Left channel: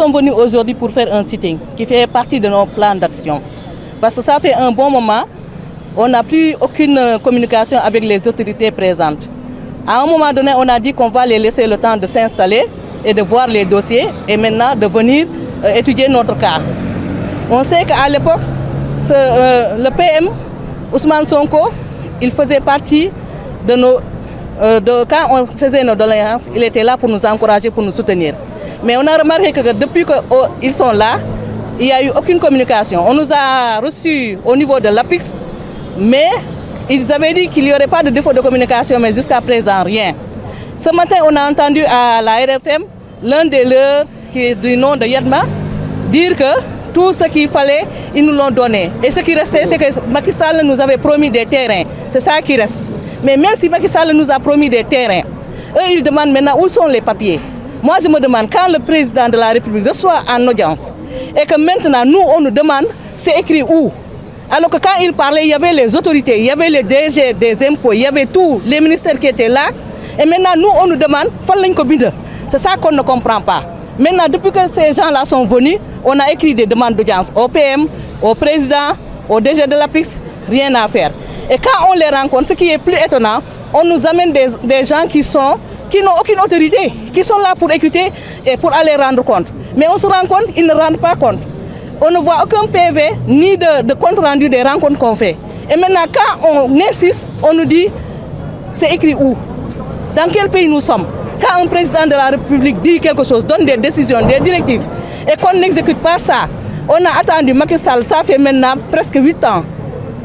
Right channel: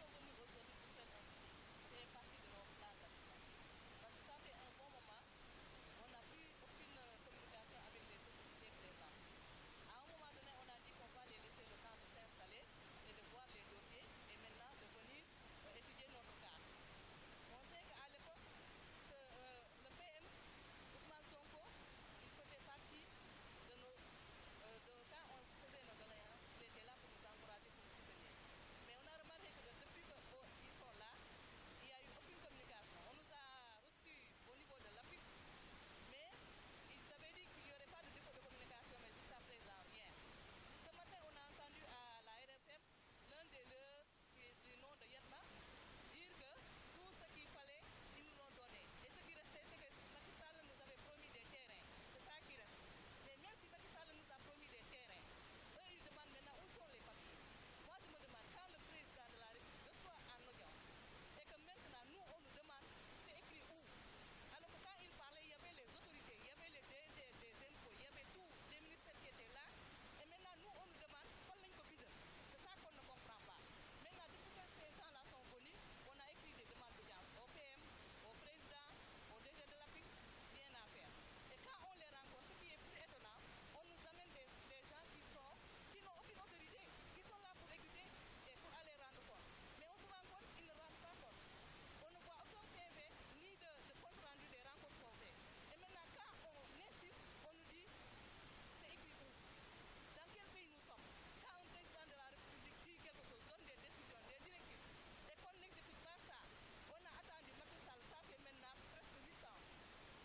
sommes venus aujourd'hui pour faire un sitting qui fait partie de nos plans d'action. Parce que ça fait un bon moment, on n'a plus aucune communication avec les autorités présentes. À un moment donné, on a dit qu'on va les laisser le temps de s'installer et de voir les dossiers et maintenant de venir étudier notre cas. On sait qu'à l'époque, le PM, Ousmane Sonko, il faisait partie de nos... quand on faisait nos doléances, il était là pour nous encourager, pour nous soutenir. Mais on a remarqué que depuis qu'ils sont là, il n'y a eu aucune communication. On nous a reçus au niveau de l'APIX, mais ils avaient dit qu'il n'y aurait pas de défaut de communication, mais jusqu'à présent, rien. Ce matin, on a entendu à la RFM, l'un des leurs, qui est du nom de Yadma, dire que tout ce qu'il fallait, ils nous l'ont donné. Et ce qui restait, c'est que Macky Sall nous avait promis des terrains. C'est ça qui reste. Mais même si Macky Sall nous a promis des terrains, eux, ils demandent maintenant où sont les papiers. Moi, je me demande, quand le président de la République reçoit en audience, et que maintenant, nous, on nous demande, c'est écrit où? Alors que quand il parlait, il y avait les autorités, il y avait les DG des impôts, il y avait tous les ministères qui étaient là. Et maintenant, nous, on nous demande, c'est ça qu'on ne comprend pas. Maintenant, depuis que ces gens-là sont venus, on a écrit des demandes d'audience au PM, au président, au DG de l'APIX, rien à faire. Et quand on les rencontre, ce qui est plus étonnant, on nous amène des gens qui n'ont aucune autorité, qui sont là pour écouter et pour aller rendre compte. Mais on se rend compte, ils ne rendent pas compte. On ne voit aucun PV ni de compte rendu des rencontres qu'on fait. Et maintenant, quand on insiste, on nous dit, c'est écrit où? Dans quel pays nous sommes? Quand un président de la République dit quelque chose, donne des décisions, des directives, et qu'on n'exécute pas ça, on a attendu Macky Sall, ça fait maintenant presque 8 ans.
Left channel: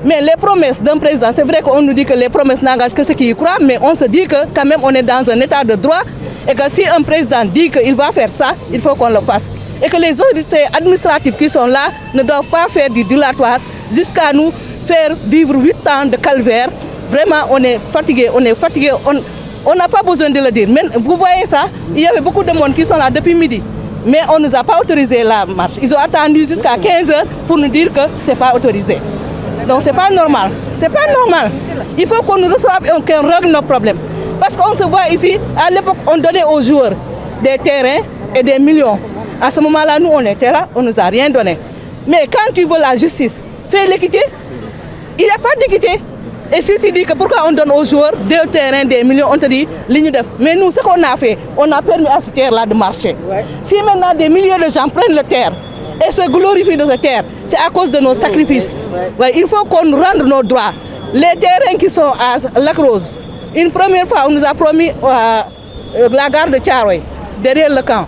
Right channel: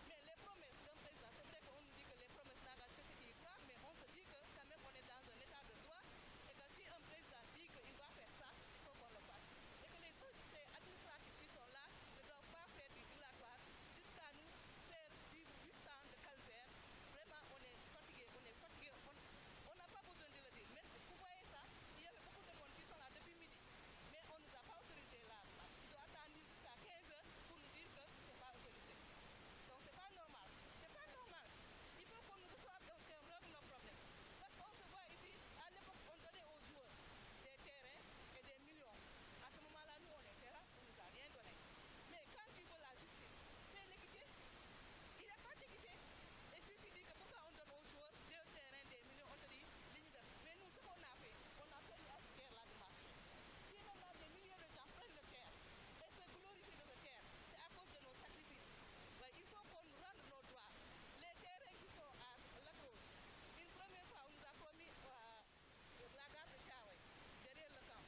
Mais les promesses d'un président, c'est vrai qu'on nous dit que les promesses n'engagent que ceux qui y croient, mais on se dit que quand même on est dans un état de droit et que si un président dit qu'il va faire ça, il faut qu'on le fasse. Et que les autorités administratives qui sont là ne doivent pas faire du dilatoire jusqu'à nous faire vivre 8 ans de calvaire. Vraiment, on est fatigué, on n'a pas besoin de le dire. Mais vous voyez ça, il y avait beaucoup de monde qui sont là depuis midi. Mais on ne nous a pas autorisé la marche. Ils ont attendu jusqu'à 15 h pour nous dire que ce n'est pas autorisé. Donc ce n'est pas normal. C'est pas normal. Il faut qu'on nous reçoive et qu'on règle nos problèmes. Parce qu'on se voit ici, à l'époque, on donnait aux joueurs des terrains et des millions. À ce moment-là, nous, on était là, on ne nous a rien donné. Mais quand tu veux la justice, fais l'équité. Il n'y a pas d'équité. Et si tu dis que pourquoi on donne aux joueurs des terrains, des millions, on te dit ligne d'œuf. Mais nous, ce qu'on a fait, on a permis à cette terre-là de marcher. Ouais. Si maintenant des milliers de gens prennent la terre et se glorifient de cette terre, c'est à cause de nos sacrifices. Ouais, il faut qu'on rende nos droits. Les terrains qui sont à Lac Rose, une première fois, on nous a promis la gare de Thiaroye, derrière le camp.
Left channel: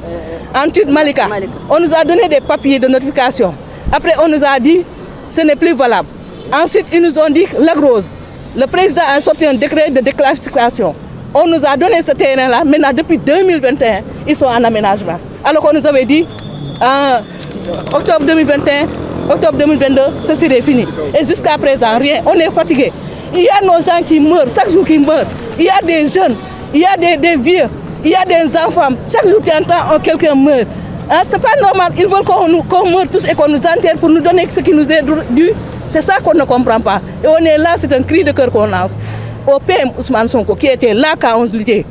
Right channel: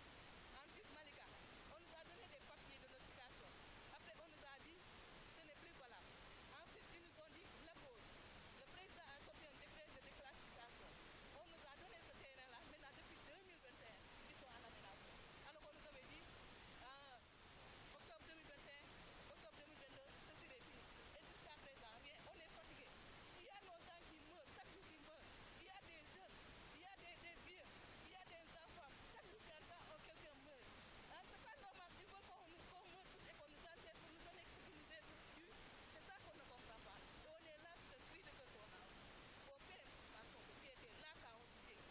Ensuite, Malika. On nous a donné des papiers de notification. Après, on nous a dit ce n'est plus valable. Ensuite, ils nous ont dit Lac Rose. Le président a sorti un décret de déclassification. On nous a donné ce terrain-là. Maintenant, depuis 2021, ils sont en aménagement. Alors qu'on nous avait dit, en octobre 2021, octobre 2022, ce serait fini. Et jusqu'à présent, rien. On est fatigué. Il y a nos gens qui meurent, chaque jour qui meurent. Il y a des jeunes, il y a des vieux, il y a des enfants. Chaque jour, tu entends quelqu'un meurt. Hein, c'est pas normal. Ils veulent qu'on meure tous et qu'on nous enterre pour nous donner ce qui nous est dû. C'est ça qu'on ne comprend pas. Et on est là, c'est un cri de cœur qu'on lance. Au PM Ousmane Sonko, qui était là quand on se luttait,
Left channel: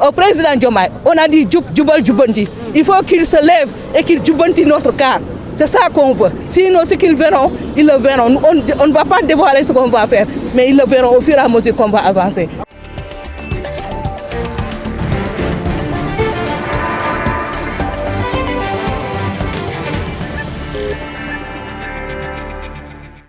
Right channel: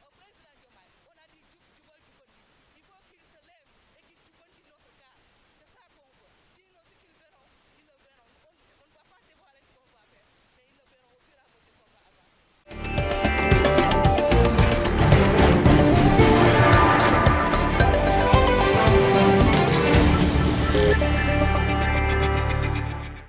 au président Diomaye, on a dit Djoubal Djoubanti. Il faut qu'il se lève et qu'il Djoubanti notre cas. C'est ça qu'on veut. Sinon, ce qu'ils verront, ils le verront. On ne va pas dévoiler ce qu'on va faire, mais ils le verront au fur et à mesure qu'on va avancer.